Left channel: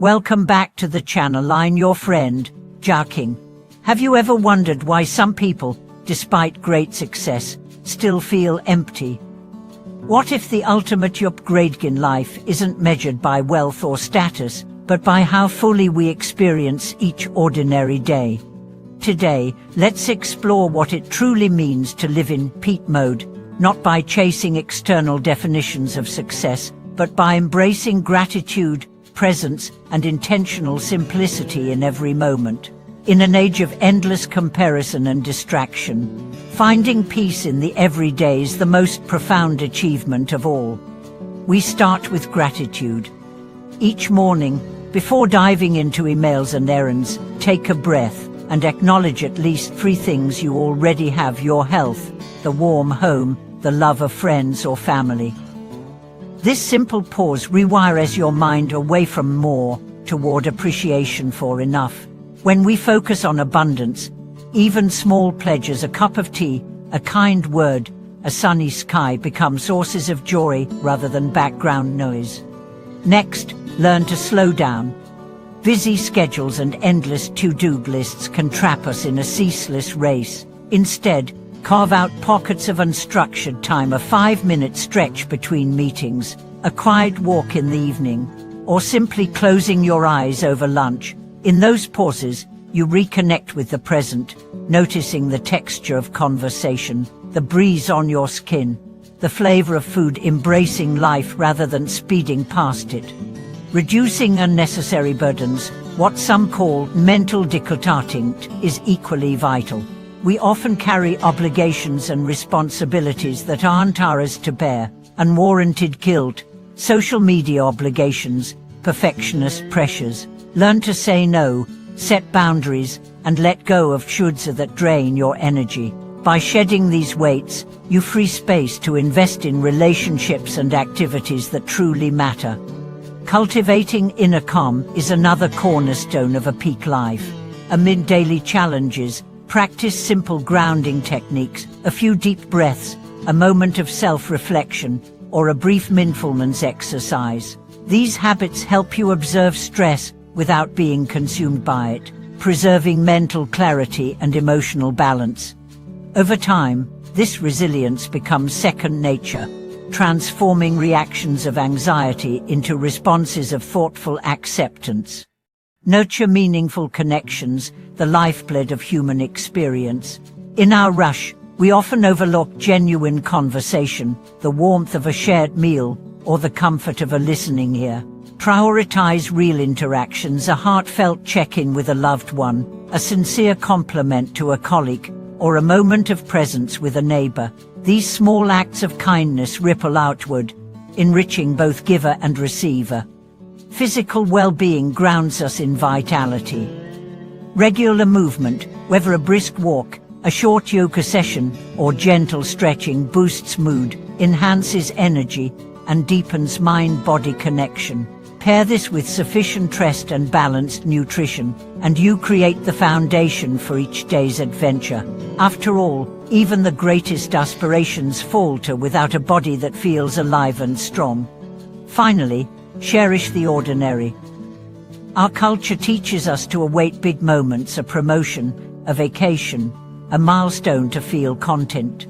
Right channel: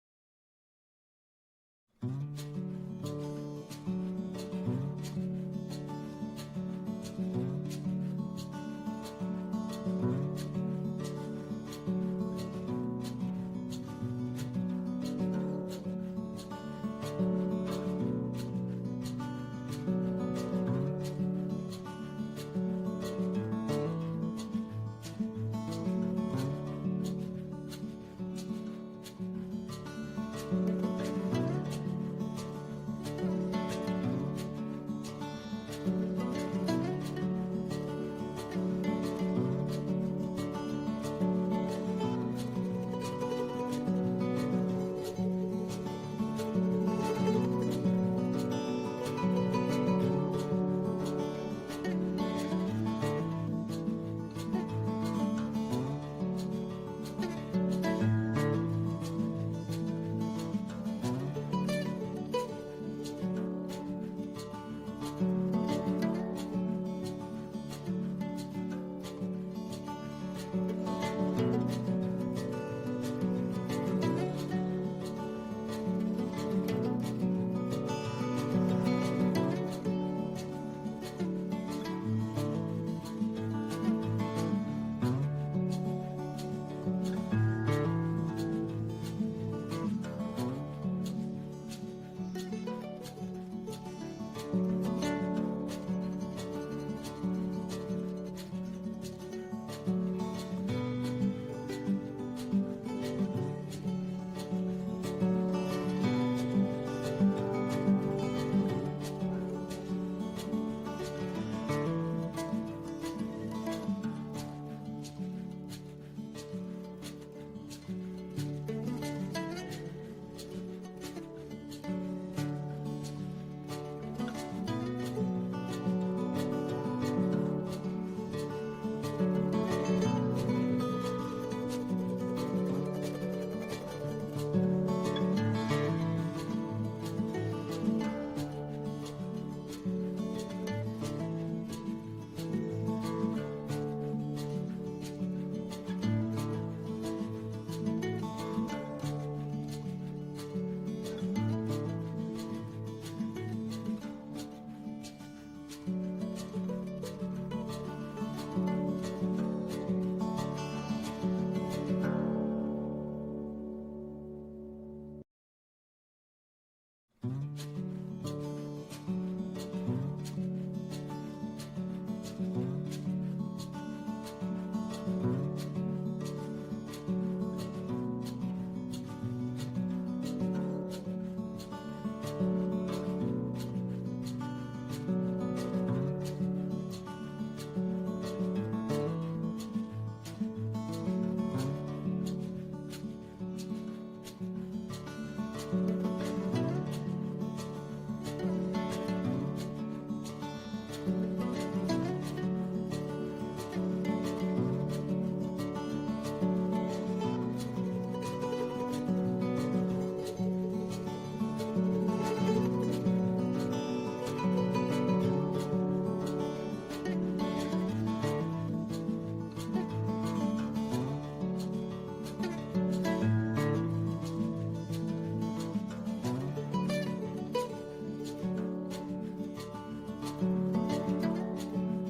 Welcome back to the channel. I'm your friend, King. Have you ever wondered why some people, despite great success, still feel empty? What if the ultimate upgrade in life isn't measured by wealth or status, but by how fully we experience each ordinary day? Today, let's explore what it truly means to live in peak mode, not by chasing external definitions of success, but by embracing gratitude, presence, and intentional simplicity in every moment. In an age of endless comparison and distraction, finding peace in the everyday is the most profound achievement of all. We start with gratitude. Each morning, before diving into emails and errands, take a breath and acknowledge at least 3 things you already have: your health, the warm home, the love of friends or family. This simple pause rewires your mind away from more toward appreciation for enough. When we focus on abundance, even small pleasures, a cup of tea, a kind word, a sunny sky, become sources of joy rather than background noise. Next, learn to slow down. Busy schedules and endless to-do lists can trap us in a ceaseless race. Instead, carve out pockets of unstructured time, a 5-minute stretch between meetings, a quiet walk in the evening, or simply closing your eyes over lunch. In those pauses, you reconnect with the present, noticing the texture of conversation, the breeze on your skin, the flavor of food, embracing life rather than speeding past it. Reducing unnecessary burdens, what some call mental decluttering, is equally vital. We often carry obligations and responsibilities that aren't ours to bear: unwarranted guilt, social media obligations, perfectionist pressures. Learn to say no, set boundaries, and let go of shoulds that drain your energy. By shedding these weights, you free space to invest in relationships and activities that truly matter. Cultivating inner calm is another cornerstone of a peak life. Amid daily challenges, practice simple grounding techniques, a few deep breaths, a moment of self-reflection, or a brief mindfulness exercise. These habits help you observe stress without being consumed by it, preserving mental clarity and emotional balance. Over time, this resilience becomes second nature, transforming reactions of anxiety into responses of thoughtful acceptance. Nurture meaningful connections, the lifeblood of human experience. In our rush, we often overlook genuine conversation, the warmth of a shared meal, or the comfort of a listening ear. Prioritize real interactions, a heartfelt check-in with a loved one, a sincere compliment to a colleague, or a moment of presence with a neighbor. These small acts of kindness ripple outward, enriching both giver and receiver. Physical well-being grounds us in vitality. Regular movement, whether a brisk walk, a short yoga session, or gentle stretching, boosts mood, enhances energy, and deepens mind-body connection. Pair this with sufficient rest and balanced nutrition, and you create the foundation for each day's adventure. After all, even the greatest aspirations falter without a body that feels alive and strong. Finally, cherish the ordinary. Our culture teaches us to await big moments, a promotion, a vacation, a milestone to feel content.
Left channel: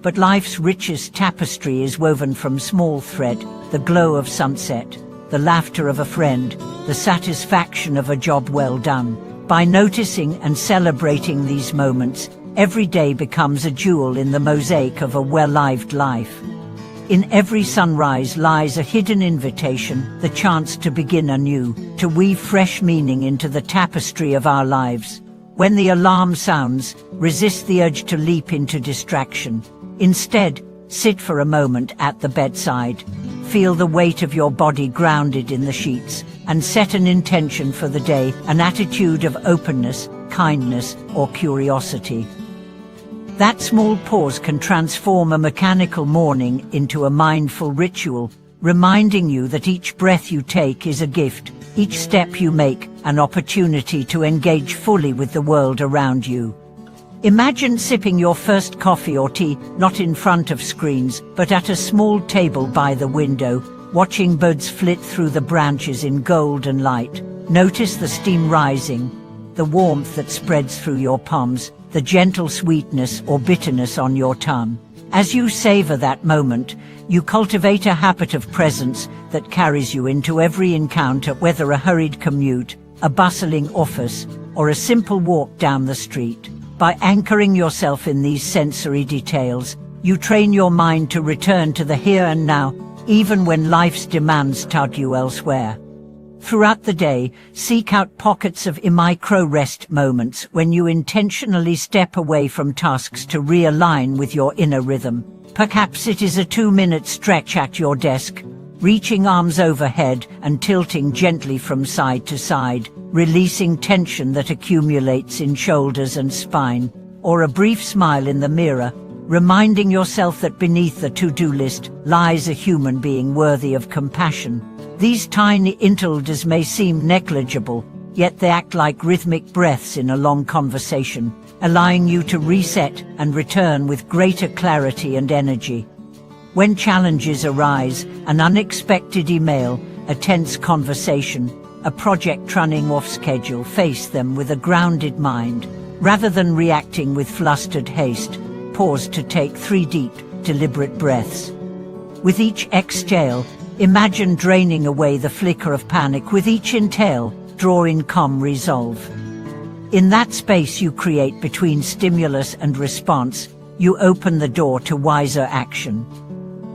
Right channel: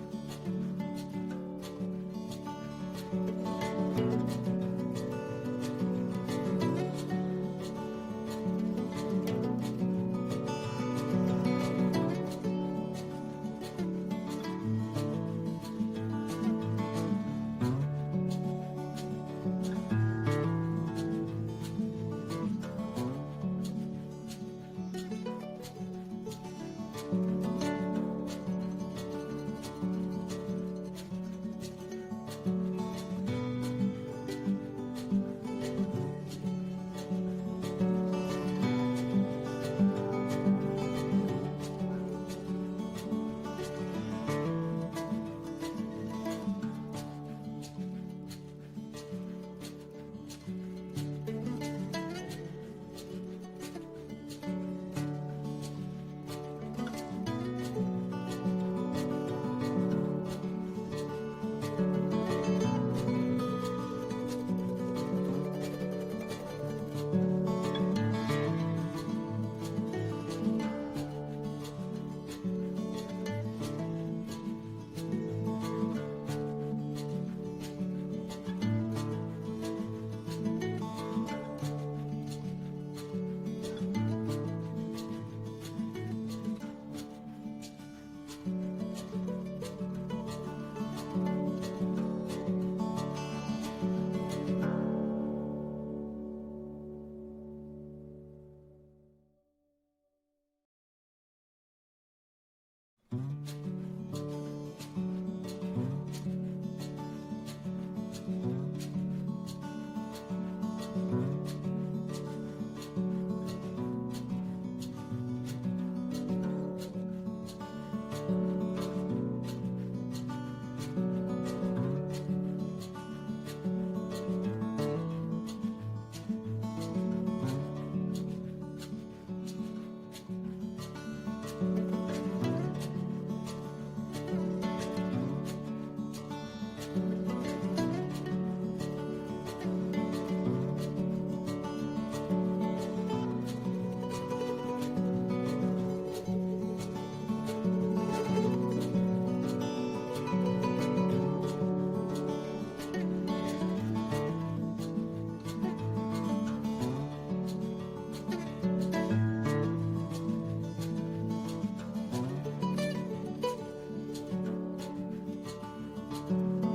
But life's richest tapestry is woven from small thread: the glow of sunset, the laughter of a friend, the satisfaction of a job well done. By noticing and celebrating these moments, every day becomes a jewel in the mosaic of a well-lived life. In every sunrise lies a hidden invitation, the chance to begin anew, to weave fresh meaning into the tapestry of our lives. When the alarm sounds, resist the urge to leap into distraction. Instead, sit for a moment at the bedside. Feel the weight of your body grounded in the sheets, and set an intention for the day, an attitude of openness, kindness, or curiosity. That small pause can transform a mechanical morning into a mindful ritual, reminding you that each breath you take is a gift, each step you make an opportunity to engage fully with the world around you. Imagine sipping your first coffee or tea, not in front of screens, but at a small table by the window, watching birds flit through the branches in golden light. Notice the steam rising, the warmth that spreads through your palms, the gentle sweetness or bitterness on your tongue. As you savor that moment, you cultivate a habit of presence that carries you into every encounter, whether a hurried commute, a bustling office, or a simple walk down the street. By anchoring yourself in these sensory details, you train your mind to return to the here and now, even when life's demands tug you elsewhere. Throughout the day, seek out pockets of micro-rest moments when you intentionally step away from tasks to realign with your inner rhythm. Perhaps it is a 2-minute stretch at your desk, reaching arms overhead and tilting gently from side to side, releasing tension that accumulates in shoulders and spine, or a brief smile in the mirror, reminding yourself that beneath the to-do list lies a human being worthy of compassion. These tiny interludes may seem negligible, yet they act like rhythmic breaths in a long conversation, allowing you to reset and return with greater clarity and energy. When challenges arise, an unexpected email, a tense conversation, a project running off schedule, face them with a grounded mind. Rather than reacting with flustered haste, pause to take 3 deep, deliberate breaths. With each exhale, imagine draining away the flicker of panic. With each inhale, draw in calm resolve. In that space you create between stimulus and response, you open the door to wiser action.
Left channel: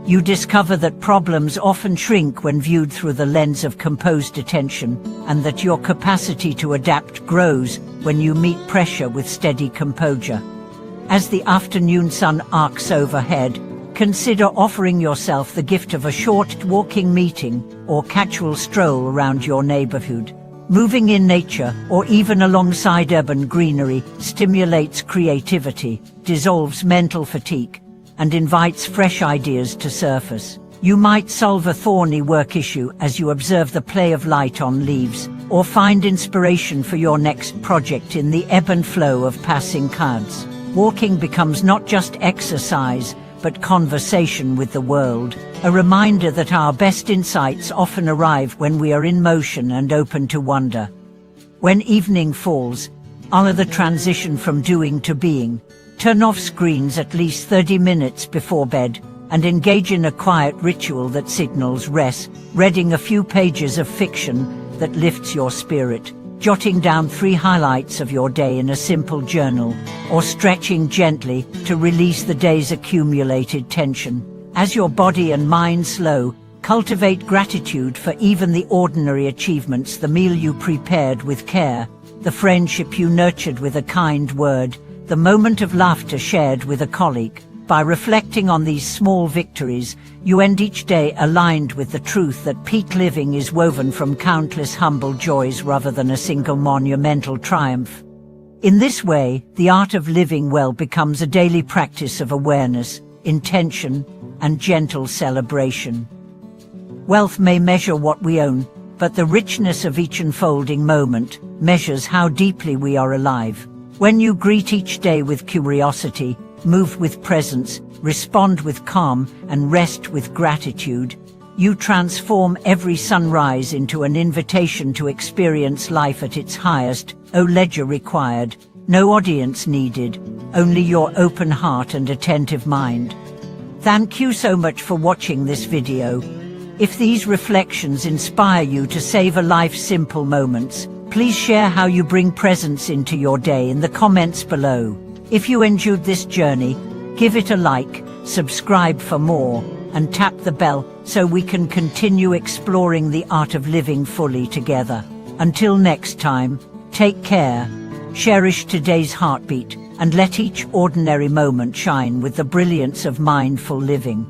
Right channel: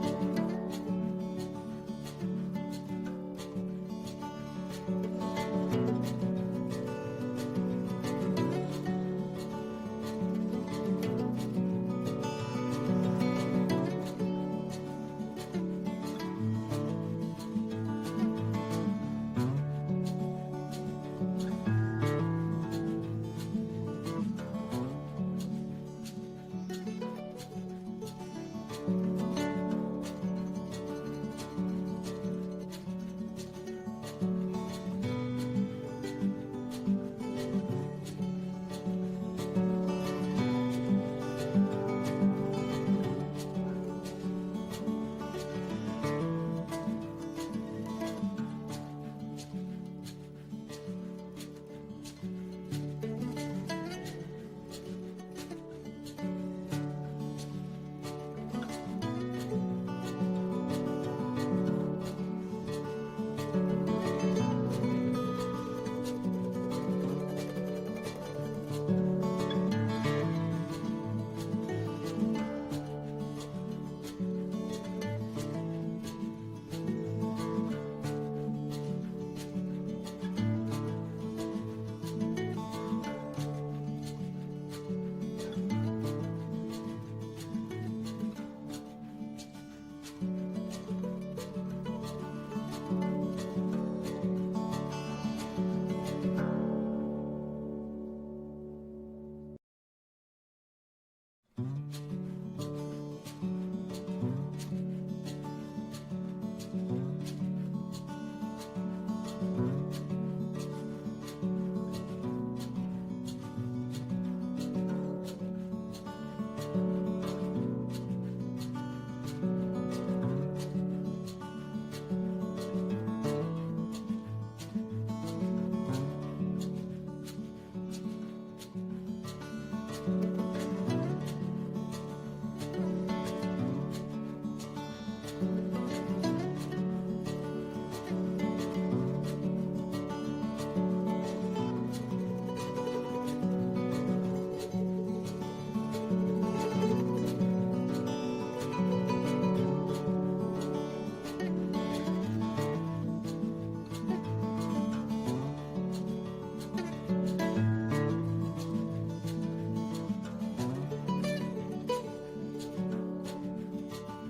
You discover that problems often shrink when viewed through the lens of composed attention, and that your capacity to adapt grows when you meet pressure with steady composure. As the afternoon sun arcs overhead, consider offering yourself the gift of a short walking meeting or casual stroll around your neighborhood. Moving in nature, or even alongside urban greenery, stimulates creativity, dissolves mental fatigue, and invites fresh ideas to surface. You might solve a thorny work issue as you observe the play of light on leaves, or find inspiration for your next project in the ebb and flow of passing clouds. Walking becomes not just exercise, but conversation with the world, a reminder that our best insights often arrive when we are in motion and open to wonder. When evening falls, honor the transition from doing to being. Turn off screens at least 30 minutes before bed, and engage in a quiet ritual that signals rest, reading a few pages of fiction that lifts your spirit, jotting down 3 highlights of your day in a simple journal, or stretching gently to release the day's accumulated tension. As your body and mind slow, cultivate gratitude for even the ordinary achievements: the meal you prepared with care, the friendship you nurtured with a kind word, the moment of laughter shared with a colleague. By reflecting on these small victories, you end each day aligned with the truth that peak living is woven from countless humble joys rather than a single monumental triumph. In this way, the art of living well becomes a daily practice of awareness, intention, and gentle celebration. Wealth may measure what we own, but the richness of each unfolding moment measures how deeply we are alive. When you greet each day with curiosity, move with presence, respond with calm, and rest with gratitude, you transform every sunrise into an invitation to experience life at its highest. No ledger required, no audience needed, only your open heart and attentive mind. Thank you so much for watching this video. If these reflections inspire you to savor life's simple moments, please share how you bring presence into your day in the comments below. If you enjoyed this journey, give it a like, subscribe for more, and tap the bell so we can continue exploring the art of living fully together. Until next time, take care, cherish today's heartbeat, and let each ordinary moment shine with the brilliance of mindful living.